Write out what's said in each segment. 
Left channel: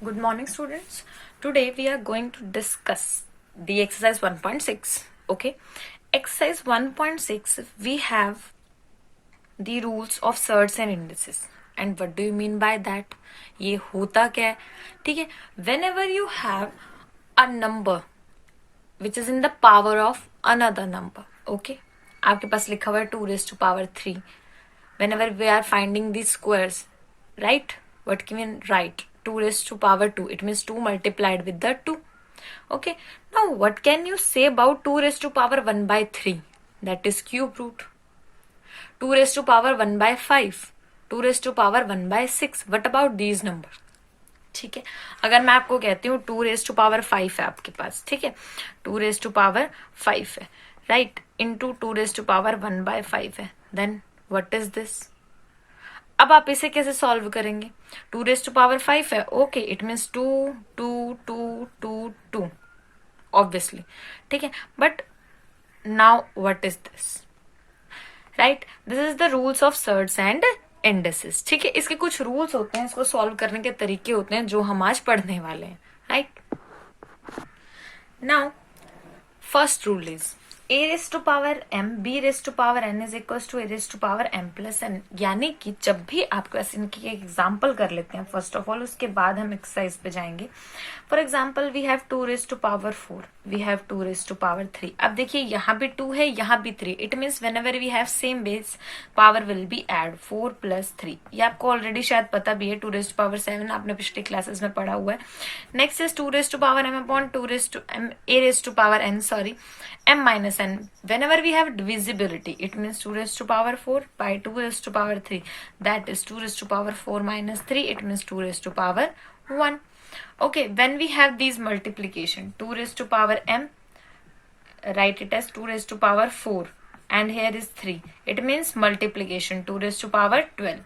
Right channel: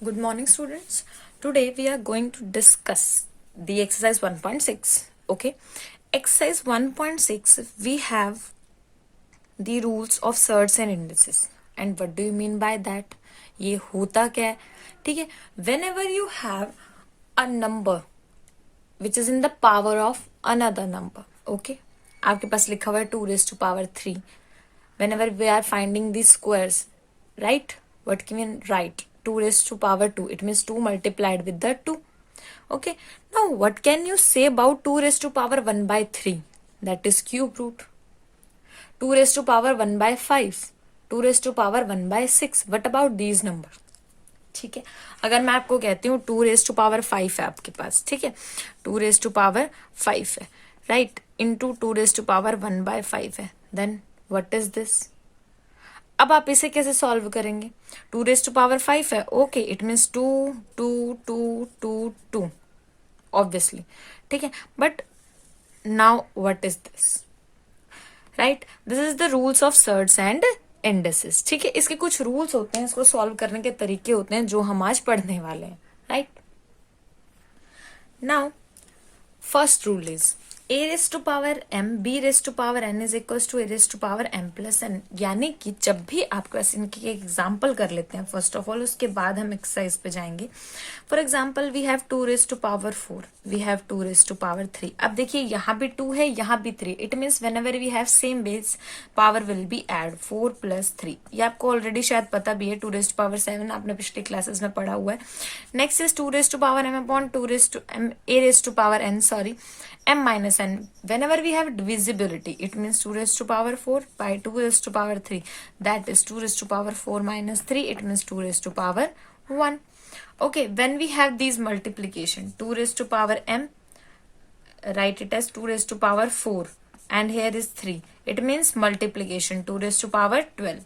Good morning, students. Today we are going to discuss the exercise 1.6. Okay, exercise 1.6 we have the rules of surds and indices. And what do you mean by that? ये होता क्या है? ठीक है, whenever you have a number which is in the power of another number, okay, आपके पास लिखा हुआ है 2 raised to power 3. Whenever we are finding these squares, right, what can we write? 2 raised to power 2, it means 2 multiplied with the 2. Okay, now what can you say about 2 raised to power 1 by 3? That is cube root. 2 raised to power 1 by 5, 2 raised to power 1 by 6. What about these numbers? ठीक है, अगर मैं आपको कहती हूँ 2 raise to power 5 है आपके पास, ठीक है, 2 रेज टू पावर 5 है, right, into 2 raise to power 1 by 5 है, देन व्हाट इज दिस? अब आप इसे कैसे सॉल्व करेंगे? 2 रेज टू पावर 5 है, ओके, इट मीन्स 2 2 2 2 2 ऑब्वियसली, ठीक है, but now what is this? Right, this is the rules of surds and indices. ठीक है, इसके कुछ रूल्स होते हैं, इसको सॉल्व करने के तरीके होते हैं जो हम आज पढ़ने वाले हैं. Right, now first rule is a raise to power m b raise to power n is equal to a raise to power m plus n. यानी कि जब भी आपके पास इनकी एग्जाम्पल कर लेते हैं फर्स्ट ऑफ ऑल, उसके बाद हम एक्सरसाइज पे जाएंगे. For example we have 2 raise to power 4, we have 2 raise to power 3. अब देखिए यहाँ भी 2 है, यहाँ भी 3. It means whenever we have same base power will be add 4 plus 3. ये आपको ऑलरेडी शायद पता भी है. 2 रेस टू पावर 7 आपने पिछले क्लासेस में पढ़ा हुआ है. Next is 2 raise to power m upon 2 raise to m a raise to power n, sorry, m minus n. Whenever we have divisibility, it means 2 raised to power 4 by 2 raised to power 3. That is 2 raised to power 4 minus 3. It means 2 raised to power 1. Okay, when we have these multiplication, 2 raised to power m, write it as 2 raised to power 4. And here is 3. It means multiplication, 2 raised to power 12.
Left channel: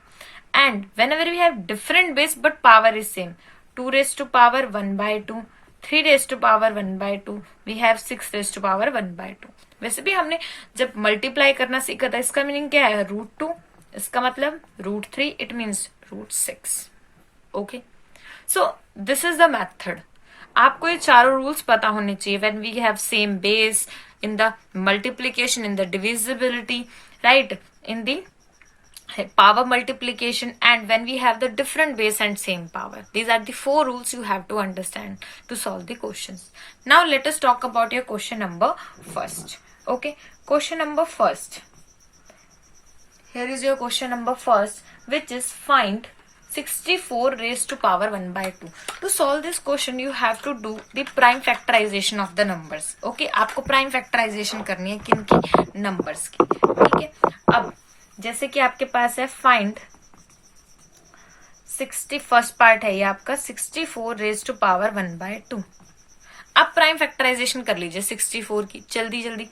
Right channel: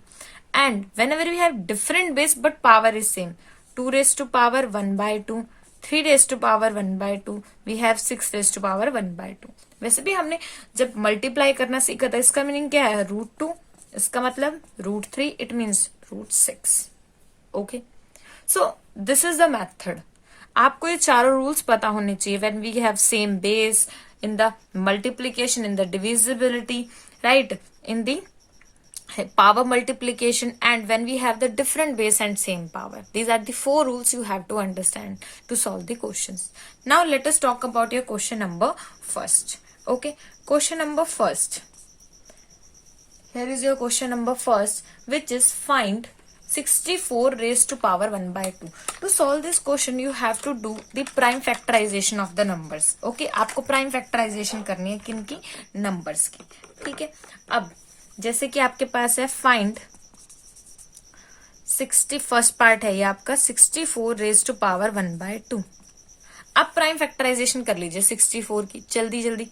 And whenever we have different base but power is same, 2 raised to power 1 by 2. 3 raise to power 1 by 2, we have 6 raise to power 1 by 2. वैसे भी हमने जब multiply करना सीखा था, इसका meaning क्या है? √2, इसका मतलब √3, it means √6. Okay, so this is the method. आपको ये चारों रूल्स पता होने चाहिए. When we have same base, in the multiplication, in the divisibility, right, in the power multiplication, and when we have the different base and same power. These are the 4 rules you have to understand to solve the questions. Now let us talk about your question number first. Okay, question number first. Here is your question number first, which is find 64 raised to power 1 by 2. To solve this question, you have to do the prime factorization of the numbers. Okay, आपको prime factorization करनी है किनकी? numbers की. ठीक है, अब जैसे कि आपके पास है फाइंड 60, फर्स्ट पार्ट है ये आपका 64 रेज टू पावर 1 बाय 2. अब प्राइम फैक्टराइजेशन कर लीजिए 64 की, जल्दी जल्दी.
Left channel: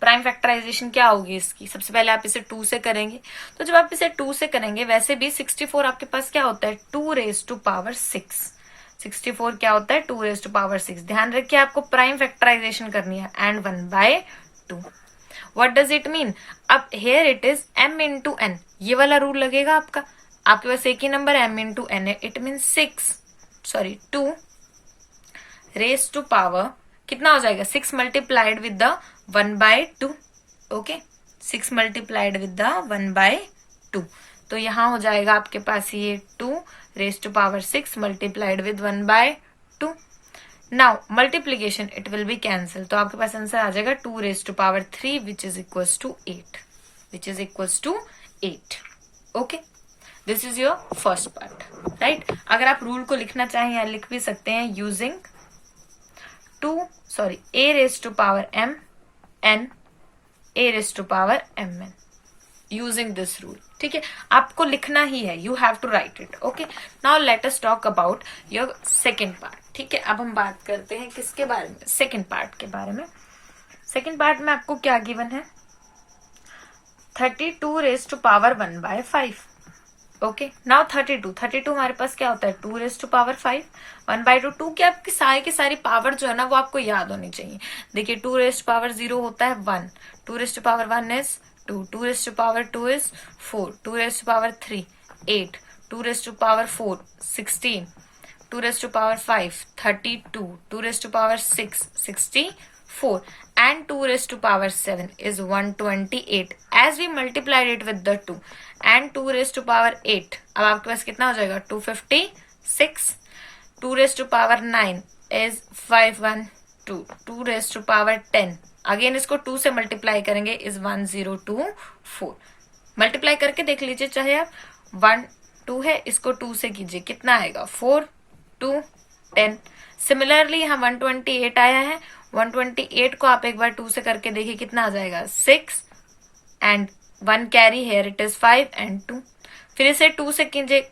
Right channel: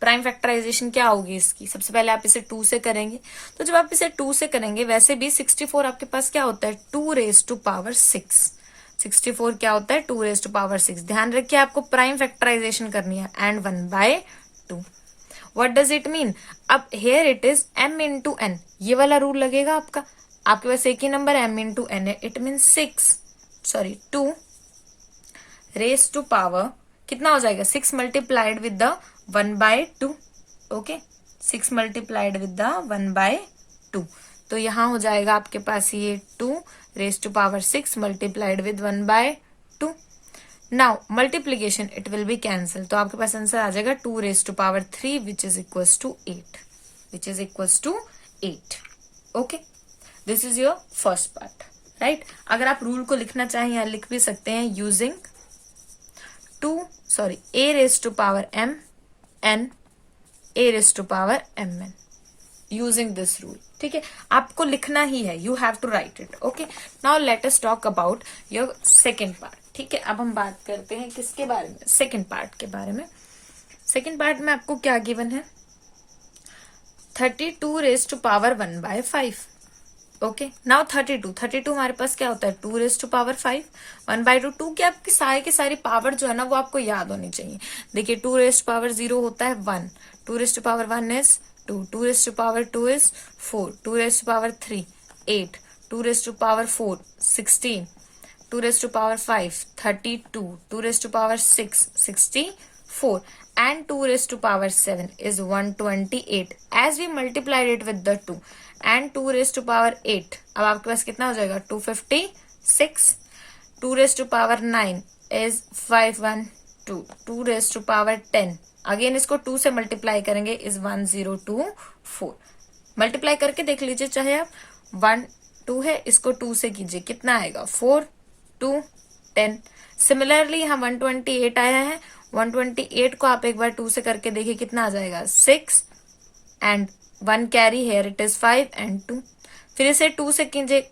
प्राइम फैक्टराइजेशन क्या होगी इसकी? सबसे पहले आप इसे 2 से करेंगे. तो जब आप इसे 2 से करेंगे, वैसे भी 64 आपके पास क्या होता है? 2 रेज टू पावर 6. 64 क्या होता है? 2 रेज टू पावर 6. ध्यान रखिए आपको प्राइम फैक्टराइजेशन करनी है, and 1 by 2. What does it mean? अब here it is m into n. ये वाला रूल लगेगा आपका. आपके पास एक ही नंबर m into n है. It means 2 raised to power कितना हो जाएगा? 6 multiplied with the 1 by 2. Okay, 6 multiplied with the 1 by 2. तो यहाँ हो जाएगा आपके पास ये 2 raised to power 6 multiplied with 1 by 2. Now multiplication, it will be cancel. तो आपके पास आंसर आ जाएगा 2 raise to power 3 which is equals to 8, which is equals to 8. Okay, this is your first part. Right, अगर आप rule को लिखना चाहें या लिख भी सकते हैं using a raise to power m n a raise to power m n, using this rule. ठीक है, आपको लिखना ही है, you have to write it. Okay, now let us talk about your second part. ठीक है, अब हम बात करते हैं किसके बारे में? सेकेंड पार्ट के बारे में. सेकेंड पार्ट में आपको क्या गिवन है? 32 raise to power 1 by 5. Okay, now 32 हमारे पास क्या होता है? 2 रेज टू पावर 5. 1 बाय 2. 2 की आपकी सारी की सारी पावर जो है ना वो आपको याद होनी चाहिए. देखिए 2 रेज टू पावर 0 होता है 1, 2 raise to power 1 is 2, 2 raise to power 2 is 4, 2 raise to power 3 8, 2 raise to power 4 16, 2 raised to power 5, 32, 2 raised to power 6, 64, and 2 raised to power 7 is 128. As we multiplied it with the 2 and 2 raised to power 8, अब आपके पास कितना हो जाएगा 256. 2 raised to power 9 is 512. 2 raised to power 10, again इसको 2 से multiply करेंगे is 1024. Multiply करके देख लीजिए चाहे आप. 1 2 है, इसको 2 से कीजिए, कितना आएगा 4 2 10. सिमिलरली यहाँ 128 आया है. 128 को आप एक बार 2 से करके देखिए कितना आ जाएगा 6 and 1 carry here it is 5 and 2. फिर इसे 2 से कीजिए,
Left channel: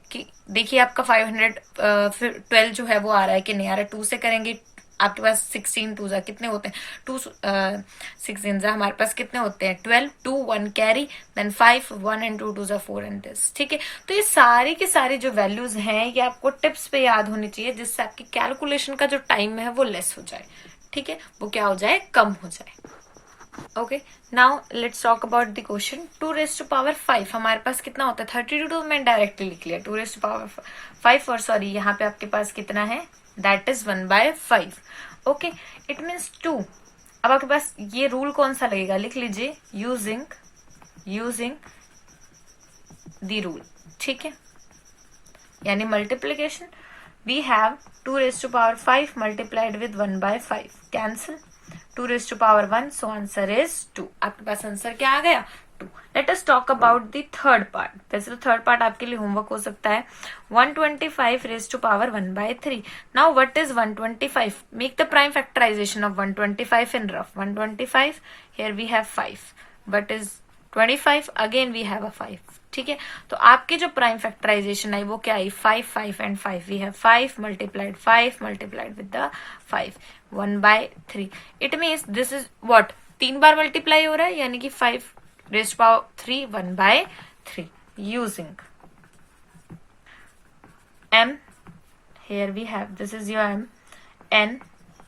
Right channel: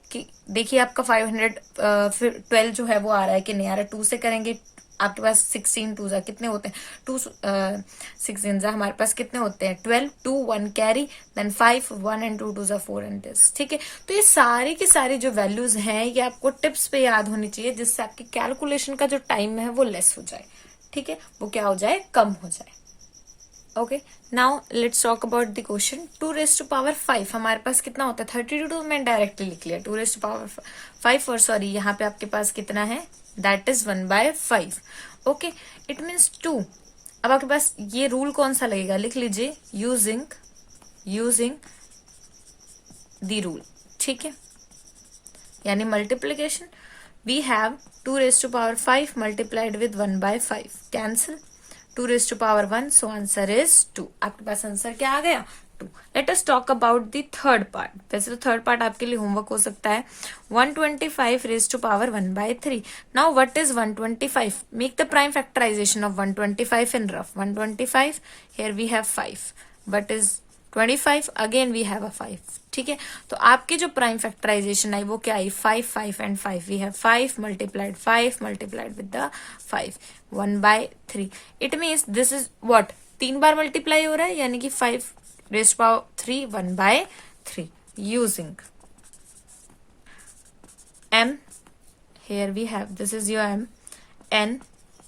देखिए आपका 512 जो है वो आ रहा है कि नहीं आ रहा है. 2 से करेंगे आपके पास 16 2 कितने होते हैं 2 16 हमारे पास कितने होते हैं 12. 2 1 carry then 5 1 and 2 2 4 and this. ठीक है, तो ये सारी की सारी जो वैल्यूज हैं ये आपको टिप्स पे याद होनी चाहिए जिससे आपकी कैलकुलेशन का जो टाइम है वो लेस हो जाए. ठीक है, वो क्या हो जाए, कम हो जाए. Okay, now let's talk about the question. 2 raised to power 5 हमारे पास कितना होता है 32. तो मैं डायरेक्टली लिख लिया 2 raised to power 5 और सॉरी यहाँ पे आपके पास कितना है that is 1/5. Okay, it means 2. अब आपके पास ये रूल कौन सा लगेगा, लिख लीजिए यूजिंग द रूल. ठीक है, यानी multiplication. We have 2 raised to power 5 multiplied with 1/5. Cancel. 2 raised to power 1, so answer is 2. आपके पास आंसर क्या आ गया 2. Let us talk about the third part. वैसे तो थर्ड पार्ट आपके लिए होमवर्क हो सकता है. 125 raised to power 1/3. Now what is 125? Make the prime factorization of 125 in rough. 125, here we have 5. What is 25? Again we have a 5. ठीक है, तो आपकी जो प्राइम फैक्टराइजेशन आई वो क्या आई 5 5 and 5. We have 5 multiplied with the 5 1/3. It means this is what 3 बार मल्टीप्लाई हो रहा है यानी कि 5 raised to power 3 1/3. using m, here we have this is your m, n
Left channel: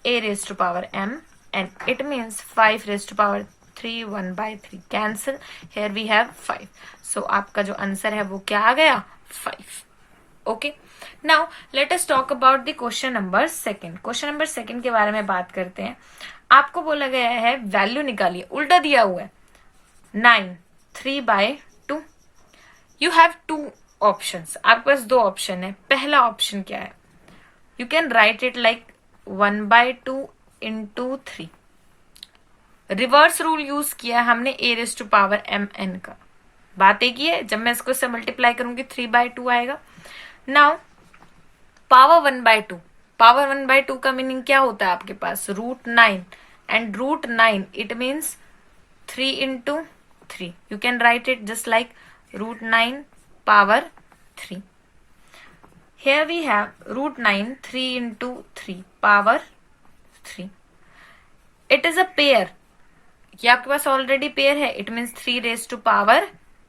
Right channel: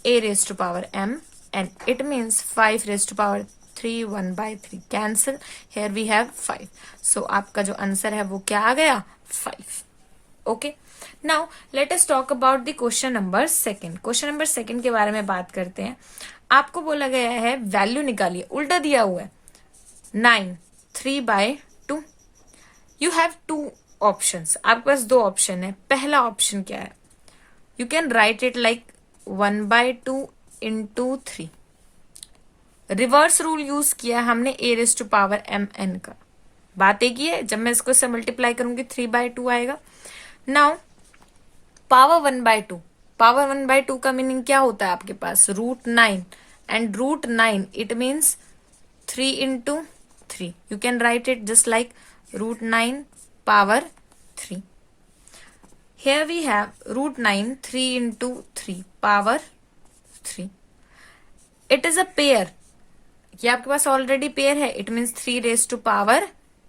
a raised to power m, and it means 5 raised to power 3 1/3. cancel. here we have 5. so आपका जो answer है वो क्या आ गया 5. Okay, now let us talk about the question number 2. Question number 2 के बारे में बात करते हैं. आपको बोला गया है वैल्यू निकालिए, उल्टा दिया हुआ है 9 3/2. यू हैव 2 ऑप्शंस, आपके पास 2 ऑप्शन है. पहला ऑप्शन क्या है, you can write it like 1/2 into 3. Reverse rule use किया हमने a raised to power mn का. बात एक ही है, जब मैं इसको से मल्टीप्लाई करूंगी 3/2 आएगा. नाउ पावर 1/2, पावर 1/2 का मीनिंग क्या होता है आपके पास √9 and √9 it means 3 into 3. You can write it just like √9 power 3. Here we have √9 3 into 3 power 3. It is a pair. ये आपके पास ऑलरेडी पेयर है. It means 3 raised to power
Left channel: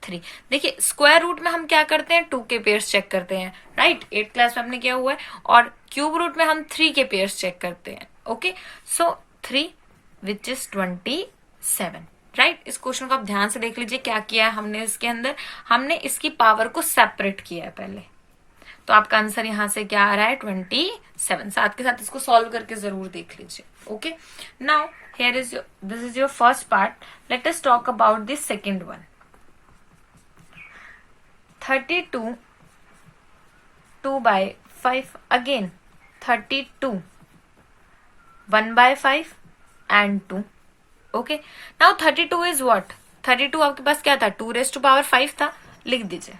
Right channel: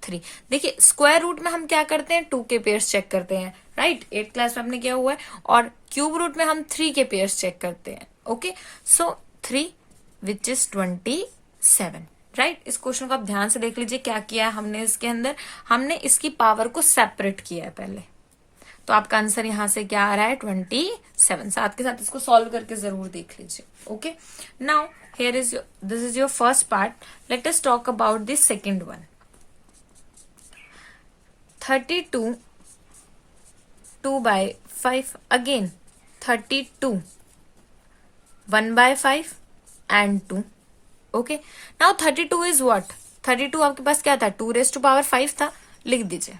3. देखिए square root में हम क्या करते हैं 2 के पेयर्स चेक करते हैं, राइट. 8th क्लास में हमने किया हुआ है. और क्यूब रूट में हम 3 के पेयर्स चेक करते हैं. Okay, so 3 which is 27. Right, इस क्वेश्चन को आप ध्यान से देख लीजिए क्या किया है हमने. इसके अंदर हमने इसकी पावर को सेपरेट किया है पहले. तो आपका आंसर यहां से क्या आ रहा है 27. साथ के साथ इसको सॉल्व करके जरूर देख लीजिए. Okay, now here is this is your first part. Let us talk about the second one. 32 2/5. again 32 1/5 and 2. okay, now 32 is what 32 आपके पास क्या था 2 raised to power 5 था. लिख दीजिए,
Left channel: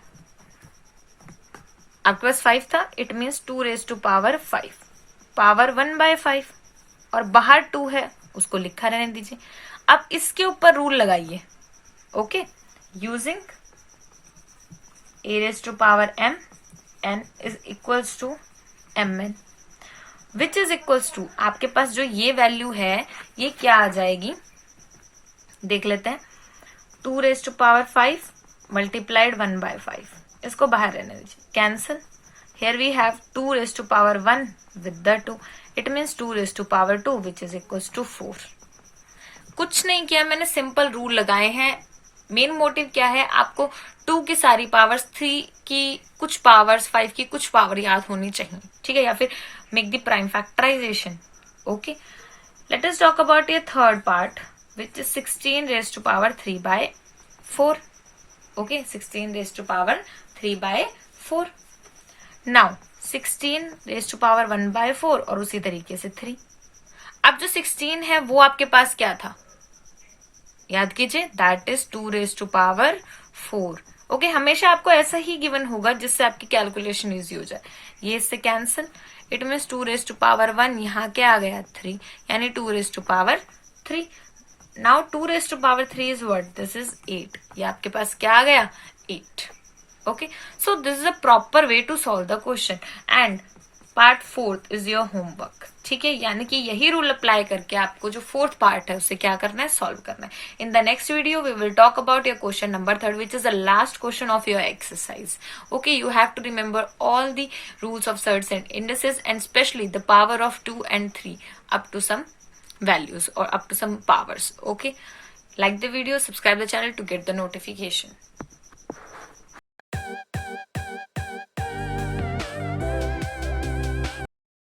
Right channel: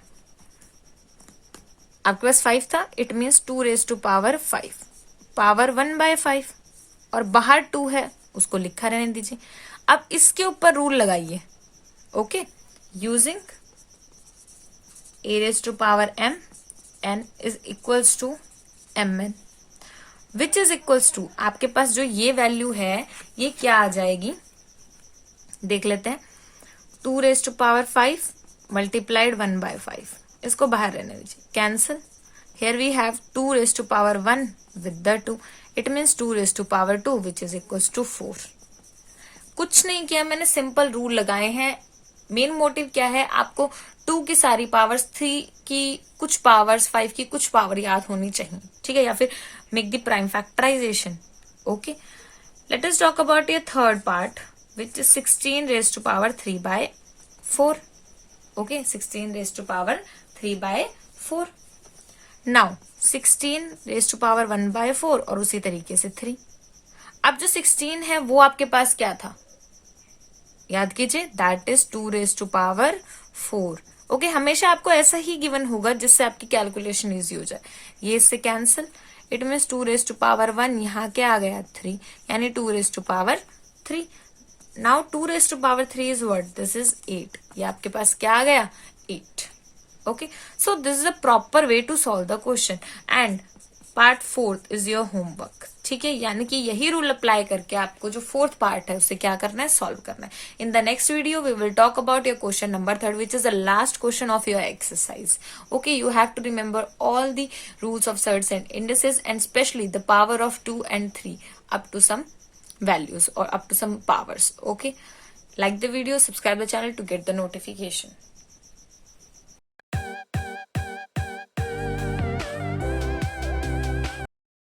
आपके पास 5 था. It means 2 raised to power 5 power 1/5 और बाहर 2 है उसको लिखा रहने दीजिए. अब इसके ऊपर रूल लगाइए. Okay, using a raised to power m n is equals to mn which is equals to आपके पास जो ये वैल्यू है ये क्या आ जाएगी देख लेते हैं. 2 raised to power 5 multiplied 1/5. इसको बाहर रहने दीजिए. Cancel. here we have 2 raised to power 1 with the 2. it means 2 raised to power 2 which is equals to 4. कुछ नहीं किया मैंने, सिंपल रूल लगाए हैं मेन मोटिव क्या है, आपको 2 की सारी पावर्स, 3 की कुछ पावर्स, 5 की कुछ पावर याद होनी चाहिए, ठीक है, या फिर make the prime factorisation. Okay, let us talk about your third part which is 16 raise to power 3 by 4. Okay, 16 raise to power 3 by 4. Now 16 raise to power 1 by 4 और उसी तरीके से 3. अब जो 16 है वो आपके पास क्या था, याद कीजिए, that is 2 raise to power 4. Okay, हमेशा आपको ऐसा ही गिवन होगा जिससे आपकी कैलकुलेशन इजी हो जाए. ये इससे cancel, it means 2 raise to power 1, यहाँ क्या आ गया 3, यानी 2 raise to power 3. Now 2 raise to power 3 is what, this is 8. ये आपके पास क्या आ गया 8. Okay, so this is a proper way to solve the question and part 4 is your homework. ठीक है, यानी कि यही रूल अप्लाई करके आपको जो 4th पार्ट है उसे क्या करना है, सॉल्व करना है. In the next video we will talk about your question number 3 which is the last question of your exercise. Okay, you have to remember all the rules of surds and indices and specially the power of 2 and 3 up to some values or up to some powers. Okay, like the video, subscribe the channel to get the notification.